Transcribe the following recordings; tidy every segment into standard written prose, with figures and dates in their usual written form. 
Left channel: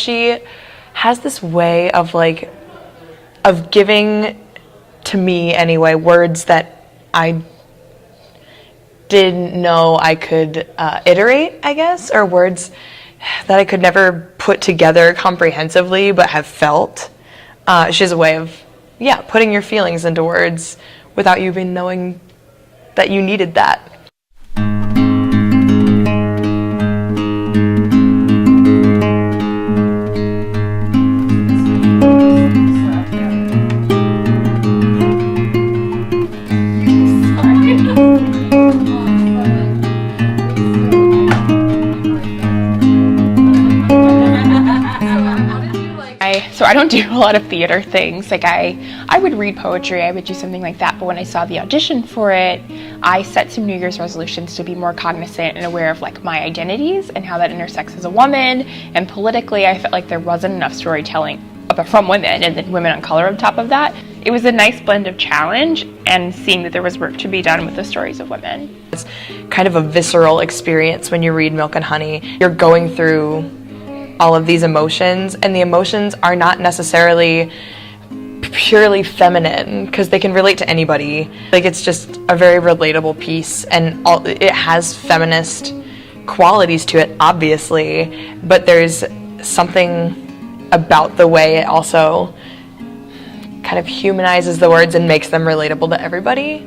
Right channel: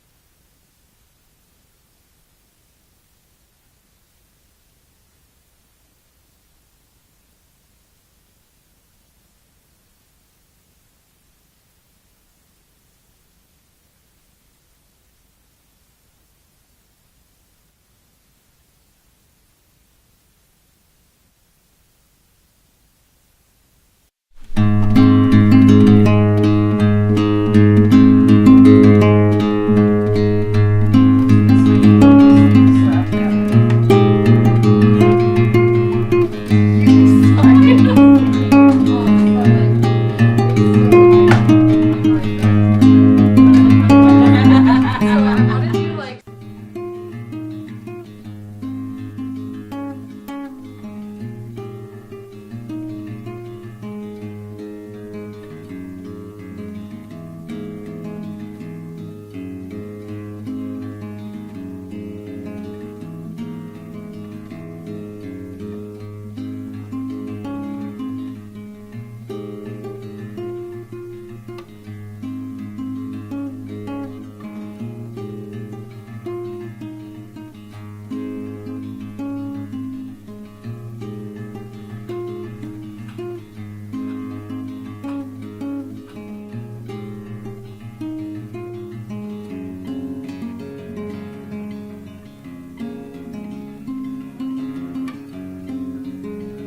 She has this way of of giving, to me anyway, words that I didn't know I could iterate, I guess, or words that I could never put together comprehensively but have felt. She has a way of, putting your feelings into words without you even knowing that you needed that. So I don't do a lot of theater things. Like I would read poetry, I would do something like that, but when I saw the audition for it, I set some New Year's resolutions to be more cognizant and aware of my identities and how that intersects as a woman. And politically, I felt like there wasn't enough storytelling from women and then women on color on top of that. It was a nice blend of challenge and seeing that there was work to be done with the stories of women. It's kind of a visceral experience when you read Milk and Honey. You're going through all of these emotions, and the emotions are not necessarily purely feminine because they can relate to anybody. It's just a very relatable piece, and it has feminist qualities to it, obviously, but there's something about the way it also kind of humanizes the words and makes them relatable to everybody.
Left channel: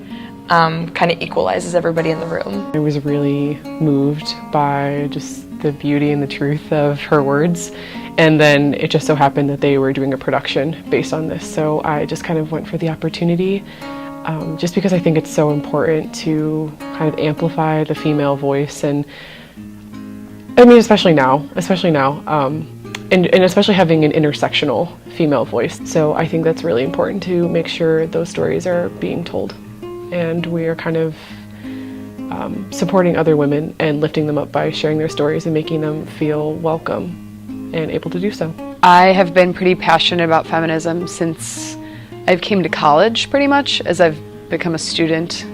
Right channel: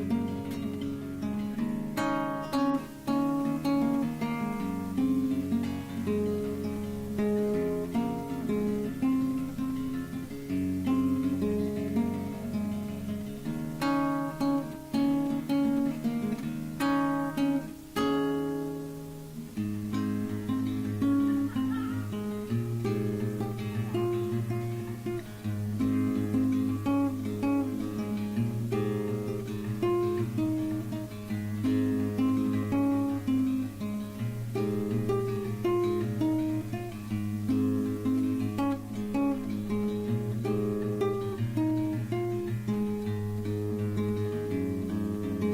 Kind of equalizes everybody in the room. I was really moved by just the beauty and the truth of her words, and then it just so happened that they were doing a production based on this, so I just kind of went for the opportunity just because I think it's so important to kind of amplify the female voice, and I mean especially now, and especially having an intersectional female voice. So I think that's really important to make sure those stories are being told. And we are kind of supporting other women and lifting them up by sharing their stories and making them feel welcome and able to do so. I have been pretty passionate about feminism since I came to college, pretty much, as I've become a student,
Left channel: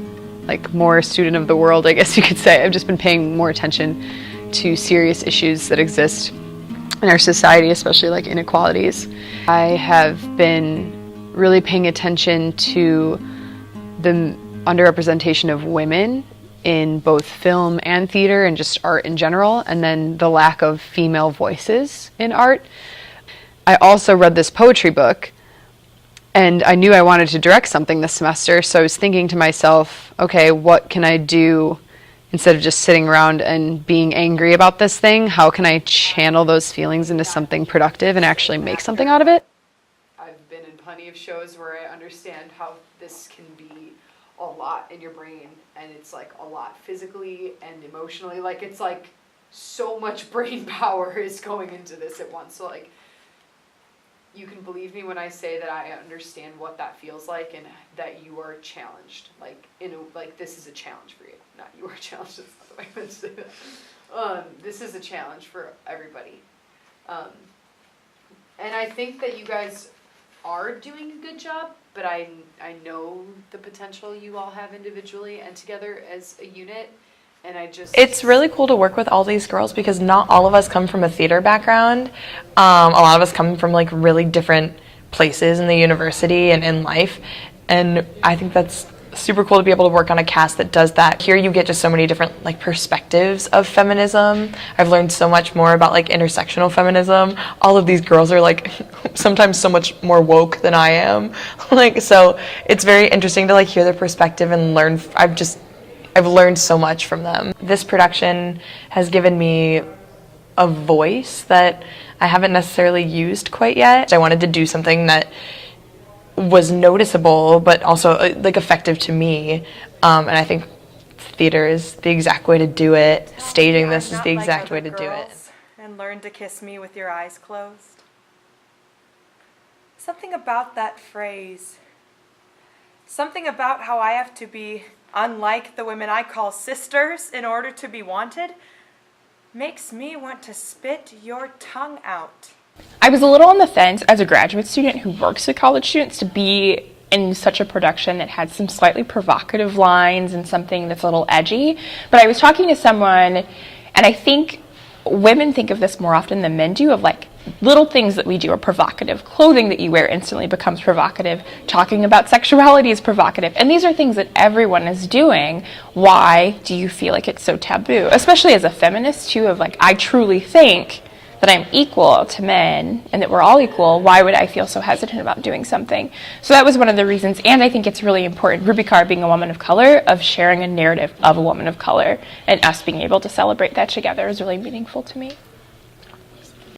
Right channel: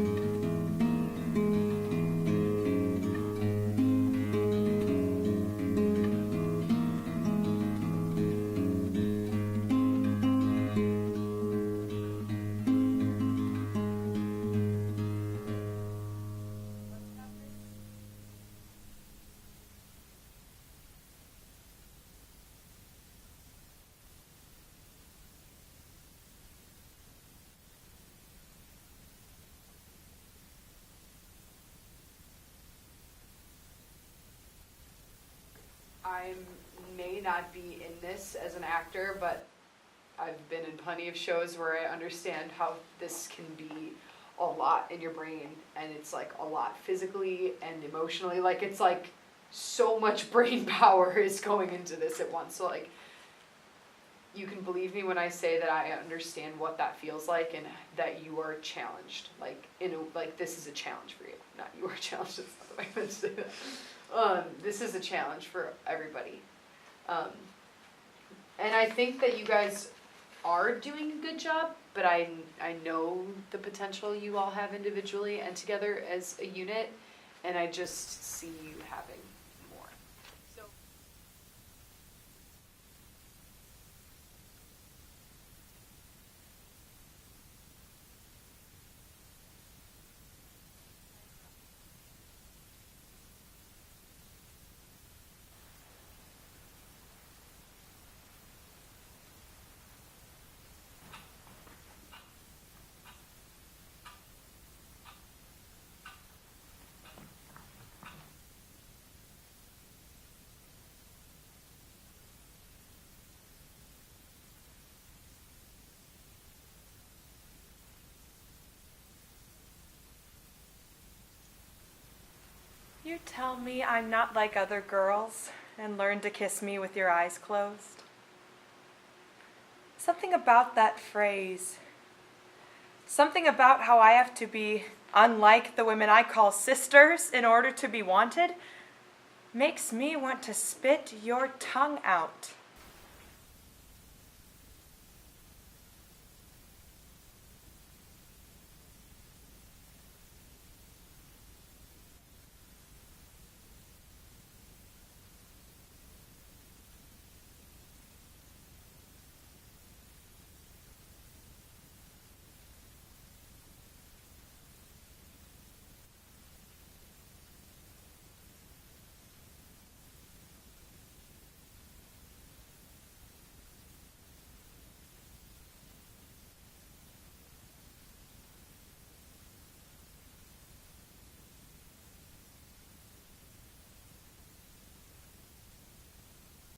more a student of the world, I guess you could say. I've just been paying more attention to serious issues that exist in our society, especially inequalities. I have been really paying attention to the underrepresentation of women in both film and theater and just art in general, and then the lack of female voices in art. I also read this poetry book, and I knew I wanted to direct something this semester, so I was thinking to myself, okay, what can I do instead of just sitting around and being angry about this thing? How can I channel those feelings into something productive and actually make something out of it? I've been in plenty of shows where I understand how this can be a lot in your brain, and it's a lot physically and emotionally. It's so much brain power is going into this at once. So you can believe me when I say that I understand what that feels like and that you are challenged. This is a challenge for you. Not you are challenged, that's not the way I meant to say that. This is a challenge for everybody. And I think that you guys are doing a good job, but I know the potential you all have individually and together as a unit, and It's really cool to work with all these girls because not all of us come from a theater background. A lot of us come from really different places in the university and in life, and I think that's super cool to be able to work on a cast that does that. Here you get just so many different perspectives of feminism. I've learned so much more about intersectional feminism. All of these girls are sometimes so much more woke than I am. So it's very interesting to hear their perspective and learn. I've learned so much from them. This production has given me a voice that I haven't necessarily used quite yet. I wanted to do something that was noticeable but also effective to me, and I think theater is the exact way to do it. Staging this is the exact way to do it. And learn to kiss me with your eyes closed. Something about that phrase, something about how I have to be unlike the women I call sisters in order to be wanted, makes me want to spit your tongue out. I was a little on the fence as a graduate student who works with college students to be in such a production that had some slightly provocative lines and something that's a little edgy. But I was talking to someone, and I think women think of this more often than men do, of little things that we do are provocative. Clothing that you wear instantly becomes provocative. Talking about sexuality is provocative. And these are things that everyone is doing. Why do you feel like it's so taboo? Especially as a feminist, too, of like, I truly think that I'm equal to men and that we're all equal. Why would I feel so hesitant about doing something? So that was one of the reasons. And I think it's really important, Ruby Carr being a woman of color, of sharing a narrative of a woman of color, and us being able to celebrate that together is really meaningful to me.